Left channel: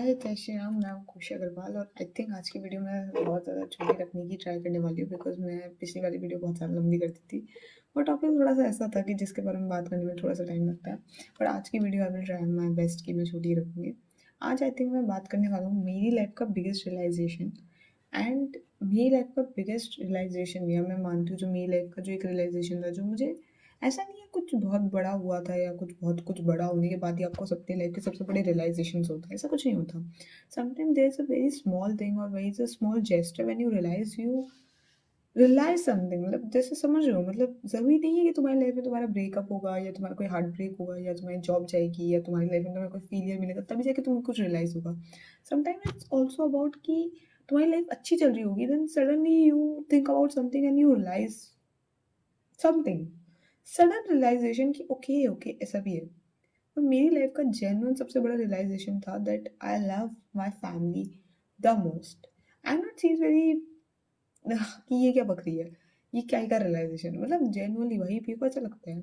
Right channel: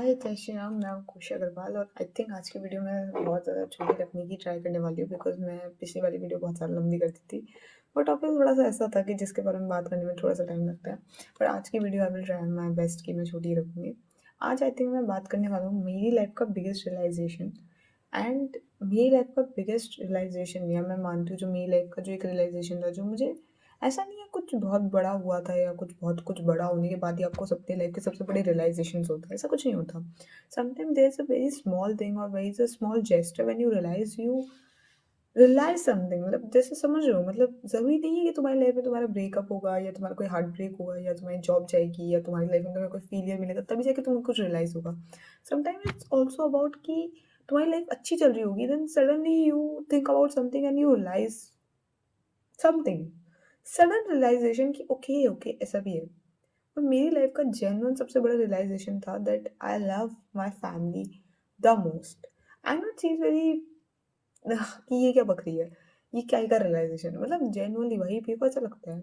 हाय कैसे हैं आप? मैं हूँ खुशी अग्रवाल और आई थिंक आज की वीडियो में बहुत ज़्यादा छोटी रखने की ट्राई करने वाली हूँ बिकॉज मैं पिछली वाली वीडियो बहुत ज़्यादा लंबी कर दी थी। बट टॉपिक थोड़ा सा ऐसा था कि जिसके बारे में बात करने में थोड़ा सा टाइम लगता है। पर आज की video I will try my best कि मैं छोटी रखूँगी। आज आई थिंक मैं बात करने वाला हूँ मेरी लाइफ का बिगेस्ट रियलाइजेशन। एंड मेरी लाइफ का बिगेस्ट रियलाइजेशन या मैं मानती हूँ जो मेरी लाइफ का जो एक रियलाइजेशन था जो मुझे ऐसा नहीं है कुछ बहुत बड़ा हुआ था या कुछ बड़ा होने के बाद ही आपको सबकी लाइफ के सबसे बड़े रियलाइजेशंस होते हैं, ऐसा कुछ नहीं होता। Sometime there is a very small thing और very is a small gesture when you realise something, मतलब जैसे समझ रहे हो, मतलब जरूरी नहीं है कि तुम्हारी लाइफ में तुम्हारा ब्रेकअप होगा या तुम्हारा कोई हार्ट ब्रेक होगा या तुम्हारी जॉब जाएगी या तुम्हारी लाइफ में तुम्हें कोई फेलियर मिलेगा तभी जाके तुम्हें कुछ रियलाइज होगा। समटाइम इट्स ऑल्सो अबाउट कि तुम्हारी लाइफ अच्छी चल रही होगी, then suddenly you think about something and you realise something, sudden realization कि ओके ओके ऐसा भी है। और मेरी लाइफ का जेन्युइन सबसे बड़ा रियलाइजेशन था that I love my family the most. I am not sees very कि ये क्या बक रही है, ये क्या का रियलाइजेशन, मतलब जेन्युइनली वही मेरे को ऐसा लगता है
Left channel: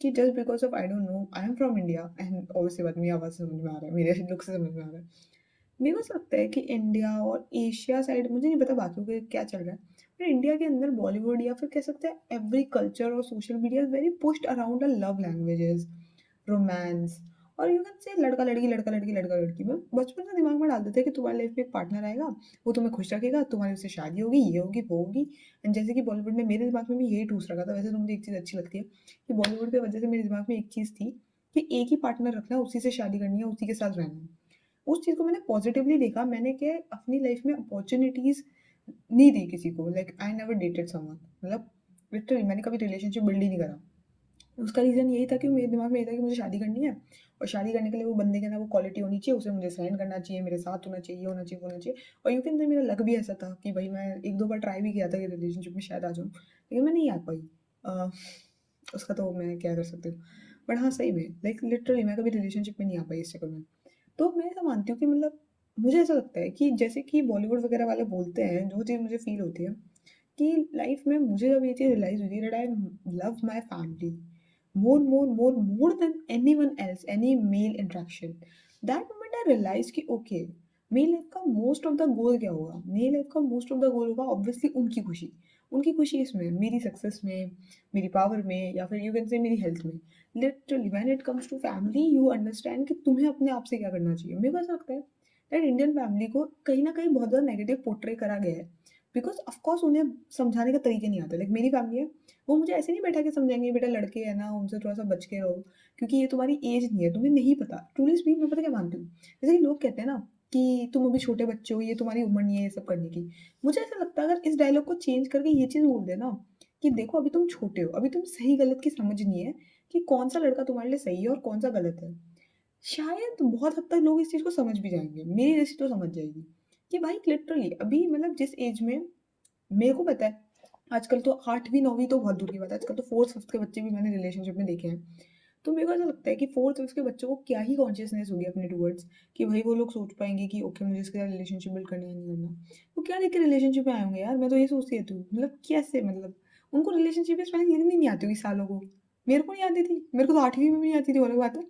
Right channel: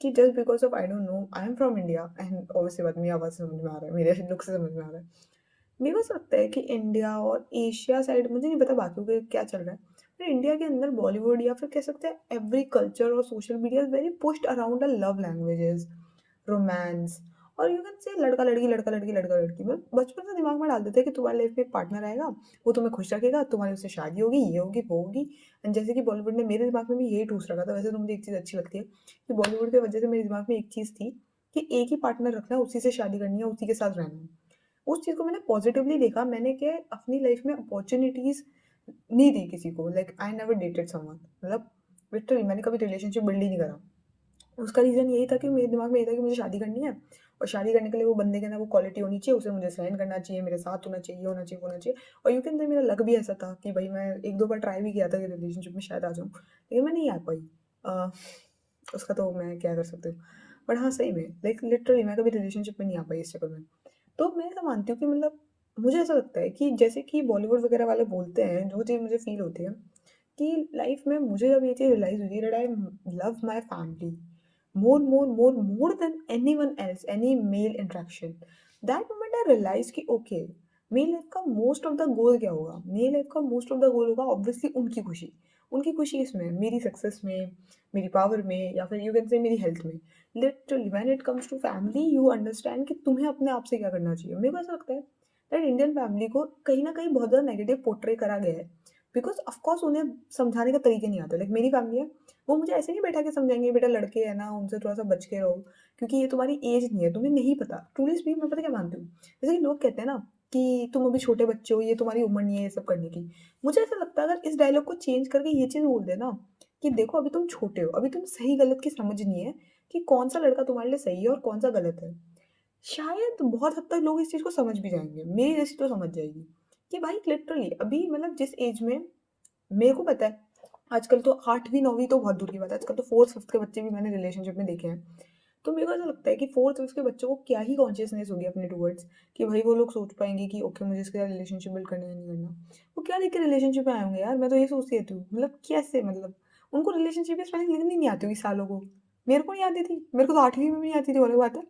कि just because of I don't know I am from India and obviously बात मेरी आवाज़ से समझ में आ रहा है, मेरे लुक से समझ में आ रहा है। मेरे को ऐसा लगता है कि इंडिया और एशिया साइड, मुझे नहीं पता बाकियों के क्या चल रहा है, पर इंडिया के अंदर बॉलीवुड या फिर कह सकते हैं एवरी कल्चर और social media is very pushed around a love languages, romance, और यू कैन से लड़का लड़की लड़का लड़की लड़का लड़की। मतलब बचपन से दिमाग में डाल देते हैं कि तुम्हारी लाइफ में एक पार्टनर आएगा, वो तुम्हें खुश रखेगा, तुम्हारी उससे शादी होगी, ये होगी वो होगी। एंड जैसे कि बॉलीवुड ने मेरे दिमाग में भी यही ठूस रखा था, वैसे तो मुझे एक चीज़ अच्छी लगती है कि बॉलीवुड की वजह से मेरे दिमाग में एक चीज़ थी कि एक ही पार्टनर रखना है, उसी से शादी करनी है, उसी के साथ रहना है। उस चीज़ को मैंने पॉजिटिवली देखा, मैंने कि अपनी लाइफ में अपॉर्चुनिटीज़ नहीं दी किसी को, like I never dated someone, मतलब लिटरली मैंने कभी रिलेशनशिप बिल्ड ही नहीं करा। उसका रीज़न यही था कि मेरे दिमाग में ये था कि मुझे शादी करनी है और शादी करने के लिए वो बंदे के अंदर वो क्वालिटी होनी चाहिए, उसे मुझे सहन करना चाहिए, मेरे साथ होना चाहिए, ये होना चाहिए, वो होना चाहिए। और यू कैन से मेरा लक भी ऐसा था कि भाई मैं एक दो बार ट्राई भी किया था कि रिलेशनशिप में शायद आ जाऊँ, लेकिन मैं नहीं आ पाई। अ, उसका तो मैं क्या कर सकती हूँ। बट हाँ सही में लाइक लिटरली मैं कभी रिलेशनशिप में नहीं आ पाई इस चक्कर में। तो मैं ऐसा मानती हूँ कि मतलब मुझे ऐसा लगता है कि जैसे कि बॉलीवुड वगैरह वाले बोलते हैं, जो चीज़ मुझे फील होती है कि लाइफ में मुझे जब ये चीज़ रियलाइज हुई that I love my family more than anyone else, any male interaction. That moment I realized कि okay, मेरी लाइफ का मोस्ट ऑफ द गोल क्या होगा, मेरी लाइफ का मोस्ट ऑफ द गोल होगा ऑब्वियसली उनकी खुशी इसमें, मेरी सक्सेस में, मेरी पावर में, या फिर यू कैन से मेरी हेल्थ में। Literally when it comes to family you understand कि तुम्हें अपने आप से क्या करना चाहिए। मेरे को ऐसा लगता है दैट इंडियन फैमिली को कहीं ना कहीं बहुत ज़्यादा नेगेटिव पोर्ट्रे करा गया है बिकॉज ऑफकोर्स उन्हें समझाने के तरीके नहीं आते। लाइक मेरी फैमिली है, वो मुझे ऐसे नहीं बैठा के समझाएंगे बेटा लड़के है ना उनसे थोड़ा सा बच के रहो क्योंकि ये तुम्हारी एज नहीं है, तुम्हें नहीं पता। ट्रूली स्पीक मैं पता क्या मानती हूँ, जैसे कि लोग कहते हैं ना कि तुम अभी छोटे बच्चे हो, ये तुम्हारी उम्र नहीं है ये सब करने की। मुझे ऐसा लगता है अगर इस डायलॉग को चेंज करके ये चीज़ बोल देना कि देखो अभी तुम छोटे हो, अभी तुम सही गलत की समझ नहीं है कि कौन सा लड़का तुम्हारे लिए सही है और कौन सा गलत है, शायद बहुत हद तक लोग इस चीज़ को समझ भी जाएंगे, मेरी जैसी तो समझ जाएगी कि भाई लिटरली अभी मतलब जिस एज में मेरे को पता है, आजकल तो 8वीं 9वीं तो बहुत दूर की बात है, आजकल तो 4th 5th के बच्चे भी मैंने रिलेशनशिप में देखे हैं। तो मेरे को ऐसा लगता है कि 4th 5th के बच्चों को क्या ही कॉन्शियसनेस होगी अपने टूवर्ड्स कि भाई वो लोग सोच पाएंगे कि ओके मुझे इसके साथ रिलेशनशिप बिल्ड करना है नहीं करना। वो क्या देख के रिलेशनशिप में आए होंगे यार, मैं तो ये सोचती रहती हूँ मतलब कैसे, मतलब उनको रिलेशनशिप की स्पेलिंग लिखनी नहीं आती होगी सालों को। मेरे को नहीं आती थी, मेरे को तो 8वीं में भी नहीं आती थी, और बात है।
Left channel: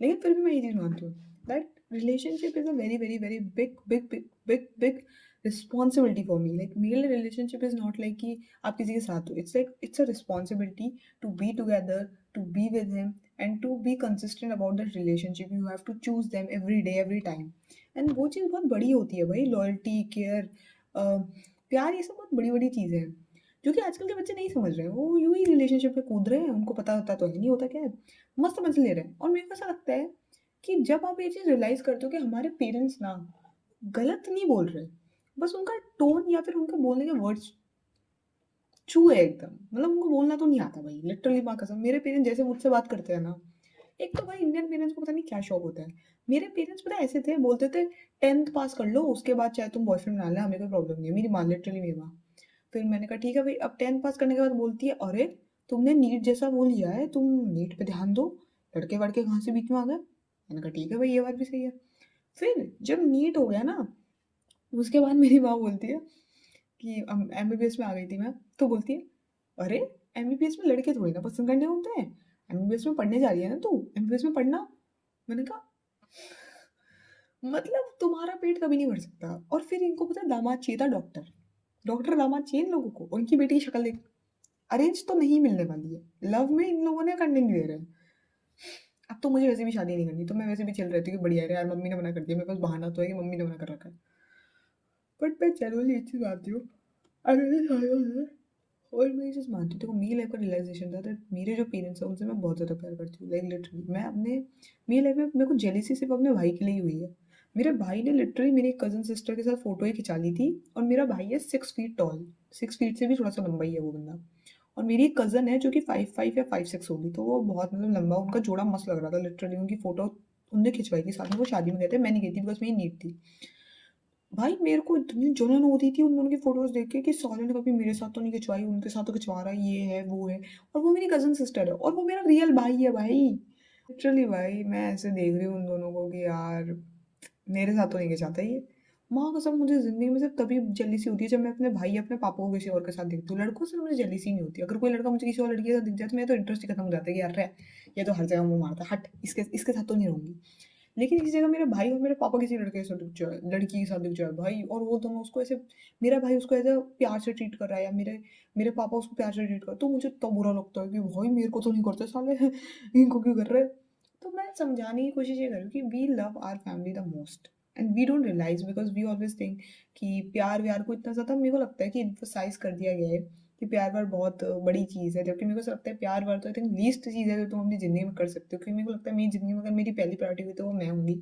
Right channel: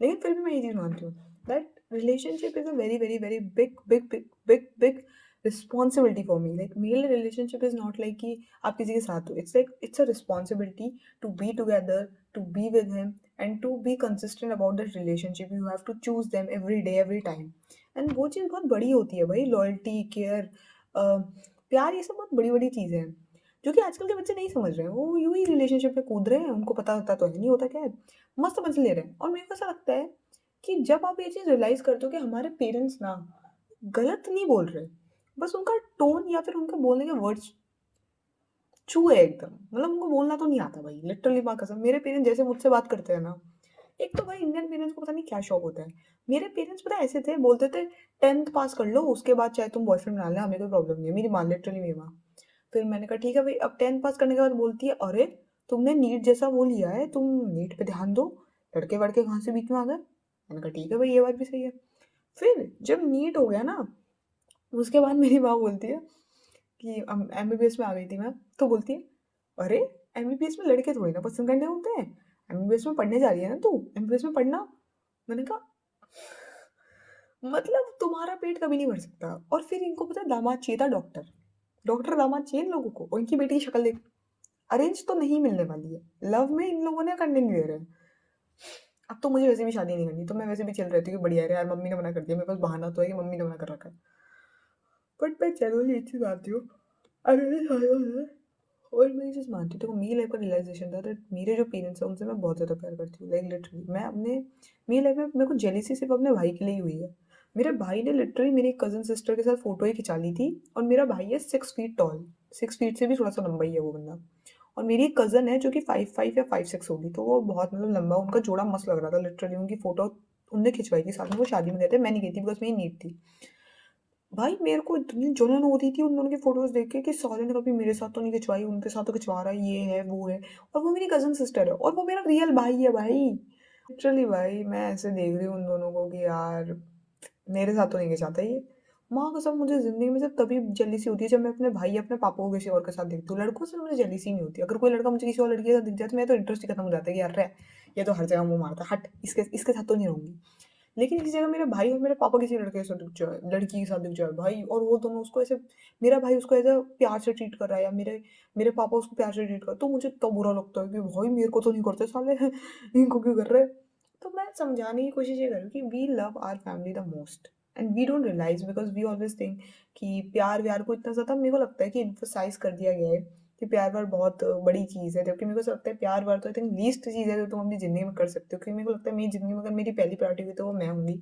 लेकिन फिर भी मैं ये चीज़ मानती हूँ that relationship is a very very very big big big big big responsibility for me. Like मेरे लिए रिलेशनशिप इज नॉट लाइक कि आप किसी के साथ हो, it's like it's a responsibility to be together, to be with him and to be consistent about that relationship. You have to choose them every day every time. And वो चीज़ बहुत बड़ी होती है भाई, लॉयल्टी, केयर, प्यार, ये सब बहुत बड़ी बड़ी चीज़ें हैं जो कि आजकल के बच्चे नहीं समझ रहे हैं। वो यूं ही रिलेशनशिप में कूद रहे हैं, उनको पता होता तो है नहीं, होता क्या है, मस्त मजे ले रहे हैं। और मेरे को ऐसा लगता है कि जब आप ये चीज़ रियलाइज करते हो कि हमारे पेरेंट्स ना गलत नहीं बोल रहे, बस उनका टोन या फिर उनके बोलने के वर्ड्स छू है एकदम, मतलब उनको बोलना तो नहीं आता भाई, लिटरली माँ कसम। मेरे पेरेंट्स जैसे मुझसे बात करते हैं ना, एक तो भाई इंडियन पेरेंट्स को पता नहीं क्या शौक होता है। मेरे पेरेंट्स पता है ऐसे थे, बोलते थे 10th पास कर लो उसके बाद चाहे तुम बॉयफ्रेंड बना ले, हमें कोई प्रॉब्लम नहीं है। मेरी माँ, लिटरली मेरी माँ। फिर मैंने कहा ठीक है भाई, अब 10th पास करने के बाद बोलती है अरे तुमने नीट जैसा वो लिया है, तुम नीट पे ध्यान दो, लड़के वड़के कहाँ से बीच में आ गए। मैंने कहा ठीक है भाई, ये बात भी सही है। फिर जब नीट हो गया ना, उसके बाद मेरी माँ बोलती है कि एमबीबीएस में आ गई थी मैं, तो बोलती है अरे एमबीबीएस में लड़के थोड़ी ना पसंद करने होते हैं, एमबीबीएस में पढ़ने जा रही है ना तू, एमबीबीएस में पढ़ना। मैंने कहा मतलब तुम्हारा पेट कभी नहीं भर सकता। और फिर इनको पता है दामाद चाहिए था डॉक्टर। डॉक्टर दामाद चाहिए इन लोगों को, और इनकी बेटी की शक्ल देख। अरेंज तो नहीं मिलने वाली है, लव में इन लोगों ने करने नहीं दे रहे हैं। अब तो मुझे वैसे भी शादी नहीं करनी, तो मैं वैसे भी चिल रहती हूँ कि बढ़िया है यार, मम्मी ने मना कर दिया, मेरे पास बहाना तो है कि मम्मी ने मना कर रखा है। बट मैं जनरली एक चीज मानती हूँ, अगर मैं शादी हो जाए, और मैं ये चीज़ मानती हूँ, देखो मेरी लाइफ का रियलाइजेशन था दैट मेरे जो पेरेंट्स हैं उनसे मैं बहुत ज़्यादा प्यार करती हूँ, लाइक लिटरली मैं अपने, मेरी लाइफ में मेरे को जेलिसी सिर्फ अपने भाई के लिए ही हुई है। मेरे भाई ने लिटरली मेरी कजन सिस्टर के साथ फोटो ही खिंचा ली थी, और मेरा भाई है 6 फीट टॉल, 6 फीट से भी थोड़ा सा लंबा ही है वो बंदा। और मेरी एक कजन है जो कि 5'5" या 5'6" होगी, तो वो बहुत मतलब लंबा, उनका जोड़ा मस्त लग रहा था लिटरली, उनकी फोटो उनने खिंचवाई थी साथ में, वो शादी में गए थे, मैं नहीं गई थी बिकॉज मेरी नीड थी। भाई मेरे को इतनी जलन होती थी उन दोनों की फोटोज देख के कि साले ने कभी मेरे साथ तो नहीं खिंचवाई, उनके साथ तो खिंचवा रहा है, ये है वो है। और वो मेरी कजन सिस्टर है, और वो मेरा रियल भाई है भाई। लिटरली भाई मैं ऐसे देख रही हूँ उन दोनों को कि यार मेरे साथ तो नहीं खिंचाता ये। माँ कसम मुझे जिंदगी में सिर्फ तभी जेलिसी होती है जब मैं अपने भाई या अपने पापा को किसी और के साथ देखती हूँ, लड़कों से मुझे जेलिसी नहीं होती। अगर कोई लड़का मुझे किसी और लड़की के साथ दिख जाए तो मेरा तो इंटरेस्ट ही खत्म हो जाता है कि यार रे, ये तो हर जगह मुंह मारता है, हट इसके इसके साथ तो नहीं रहूंगी। लेकिन इसी जगह मेरे भाई और मेरे पापा किसी लड़के के साथ दिख जाए, लड़की के साथ दिख जाए भाई, और वो दोनों उसको ऐसे, मेरा भाई उसको ऐसा प्यार से ट्रीट कर रहा है, या मेरे मेरे पापा उसको प्यार से ट्रीट कर, तो मुझे इतना बुरा लगता है कि भाई मेरे को तो नहीं करते साले, इनको क्यों कर रहे हैं। तो मैं समझाने की कोशिश ये करूँ कि we love our family the most, and we don't realize because we always think कि प्यार व्यार को इतना ज़्यादा, मेरे को लगता है कि इन्फोसाइज कर दिया गया है कि प्यार व्यार बहुत बड़ी चीज़ है, जबकि मेरे को ऐसा लगता है प्यार व्यार तो आई थिंक लीस्ट चीज़ है जो तुम अपनी ज़िंदगी में कर सकते हो। क्योंकि मेरे को लगता है मेरी ज़िंदगी में अगर मेरी पहली प्रायोरिटी हुई तो वो मैं होंगी,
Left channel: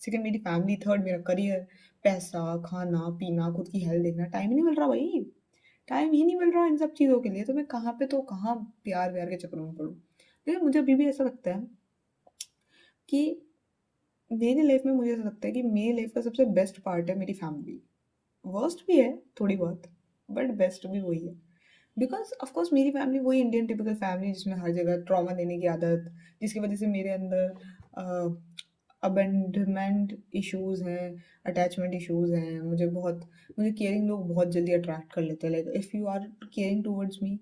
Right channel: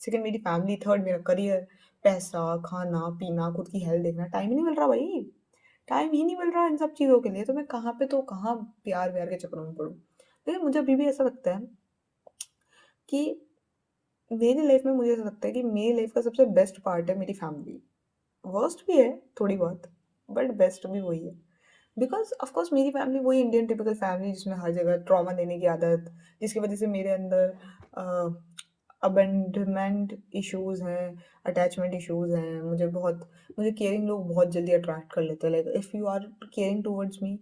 सेकंड मेरी फैमिली, थर्ड मेरा करियर, पैसा, खाना पीना, खुद की हेल्थ देखना। टाइम ही नहीं मिल रहा भाई, टाइम ही नहीं मिल रहा इन सब चीज़ों के लिए, तो मैं कहाँ पे तो कहाँ प्यार व्यार के चक्करों में पड़ूँ। लेकिन मुझे अभी भी ऐसा लगता है कि मेरी लाइफ में, मुझे ऐसा लगता है कि मेरी लाइफ का सबसे बेस्ट पार्ट है मेरी फैमिली। वर्स्ट भी है थोड़ी बहुत, बट बेस्ट भी वही है। बिकॉज ऑफकोर्स मेरी फैमिली वही इंडियन टिपिकल फैमिली जिसमें हर जगह ट्रॉमा देने की आदत, जिसकी वजह से मेरे अंदर अबेंडमेंट इश्यूज हैं, अटैचमेंट इश्यूज हैं। मुझे केयरिंग लोग बहुत जल्दी अट्रैक्ट कर लेते हैं, like if you are caring towards me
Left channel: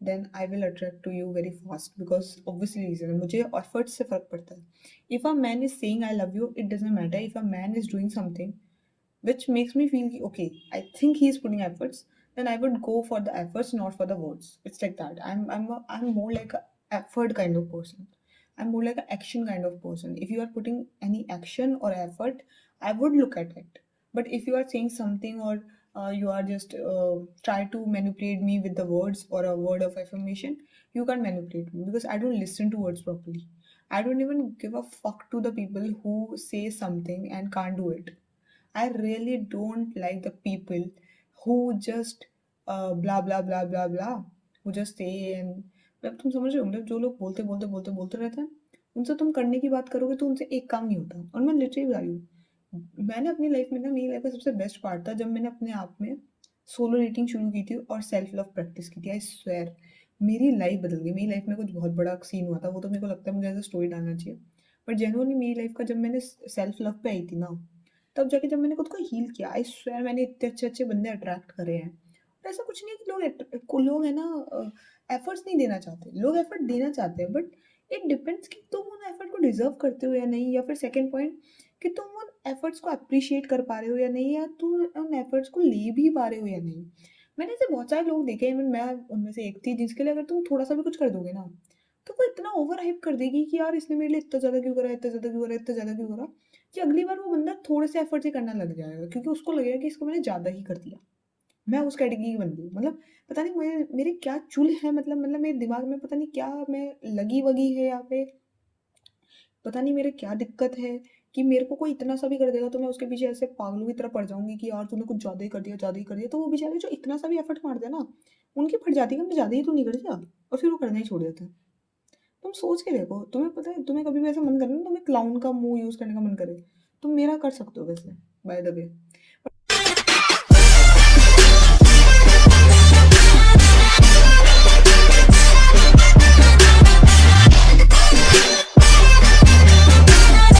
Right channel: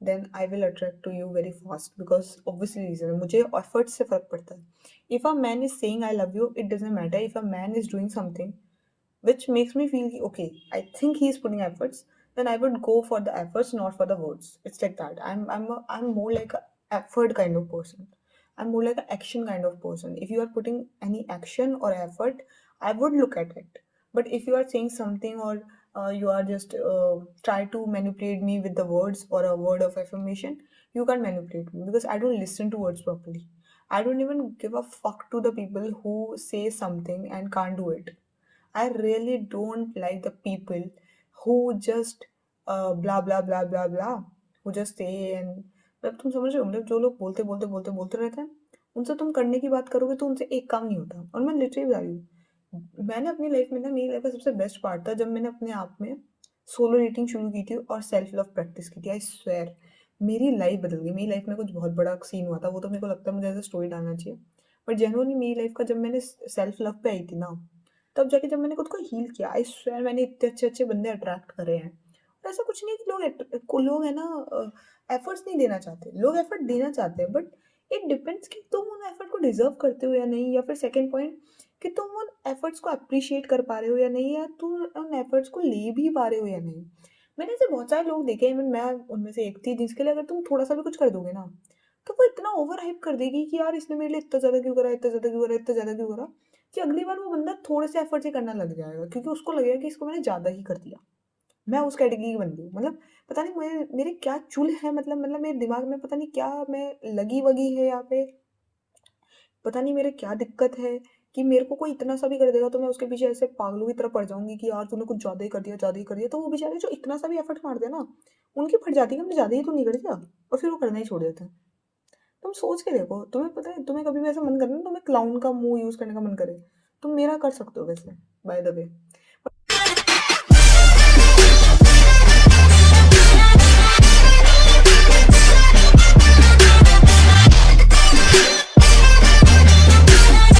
then I will attract to you very fast, because obviously reason है, मुझे एफर्ट से फर्क पड़ता है। If a man is saying I love you, it doesn't matter if a man is doing something which makes me feel okay, I think he's putting efforts, then I would go for the efforts, not for the words. It's like that. I'm more like a effort kind of person. I'm more like an action kind of person. If you are putting any action or effort, I would look at it. But if you are saying something, or you are just try to manipulate me with the words or a word of affirmation, you can't manipulate me because I don't listen to words properly. I don't even give a fuck to the people who say something and can't do it. I really don't like the people who just blah blah blah blah blah, who just say and, मतलब तुम समझ रहे हो, मतलब जो लोग बोलते बोलते बोलते बोलते रहते हैं, उनसे तुम करने की बात करोगे तो उनसे एक काम नहीं होता। और मैं लिटरली बता रही हूँ, मैंने अपनी लाइफ में ना, मेरी लाइफ का सबसे बेस्ट पार्ट था जब मैंने अपने आप में सोलो रेटिंग शुरू की थी और सेल्फ लव प्रैक्टिस की थी। आई स्वेयर मेरी लाइफ बदल गई। मेरी लाइफ में कुछ बहुत बड़ा सीन हुआ था, वो तो मेरे को लगता है मुझे एज अ स्टोरी डालना चाहिए। बट जेनुअनली मेरी लाइफ का जब मैंने सेल्फ लव पे आई थी ना, तब जाके जब मैंने खुद को हील किया, आई स्वेयर मैंने इतने अच्छे अच्छे बंदे अट्रैक्ट करे हैं। और ऐसा कुछ नहीं है कि लोग है ना एफर्ट्स नहीं देना चाहते, लोग एफर्ट देना चाहते हैं, बट इट डिपेंड्स कि तुम उन एफर्ट को डिजर्व करते हो या नहीं, या फिर सेकंड पॉइंट कि तुम उन एफर्ट्स को अप्रिशिएट कर पा रहे हो या नहीं, या तुम उन एफर्ट्स को ले भी पा रहे हो या नहीं। मैंने ऐसे बहुत सारे लोग देखे, इवन मैं उनमें से एक थी, जिसके लिए अगर तुम थोड़ा सा भी कुछ कर दोगे ना, तो वो इतना ओवर हाइप कर देगी कि यार इसने मेरे लिए इतना ज्यादा क्यों करा, इतना ज्यादा क्यों करा, इतना ज्यादा क्यों करा, कि अगली बार वो बंदा थोड़े से एफर्ट ही करना लग जाएगा, क्योंकि उसको लगेगा कि इसको मैंने ज्यादा ही कर दिया। मैं उस कैटेगरी की बन गई, मतलब पता नहीं मेरे क्या चुल है, मतलब मेरे दिमाग में पता नहीं क्या मैं लगी वगी है, या फिर पता नहीं मेरे क्या दिक्कत है कि मेरे को कोई इतना सा भी कर देगा तो मैं उसके पीछे ऐसे पागलों की तरह पड़ जाऊंगी कि यार तूने कुछ ज्यादा ही कर दिया, ज्यादा ही कर दिया। तो वो बेचारे जो इतना सा भी एफर्ट मारते हैं ना, उनकी फट जाती है कि हमने ज्यादा ही तो नहीं कर दिया, और फिर वो करना ही छोड़ देते हैं। तुम सोच के देखो, तुम्हें पता है, तुम्हें कभी भी ऐसा मन करे ना, तुम्हें क्लाउन का मुंह यूज करने का मन करे, तुम मेरा कर सकते हो वैसे, बाय द वे।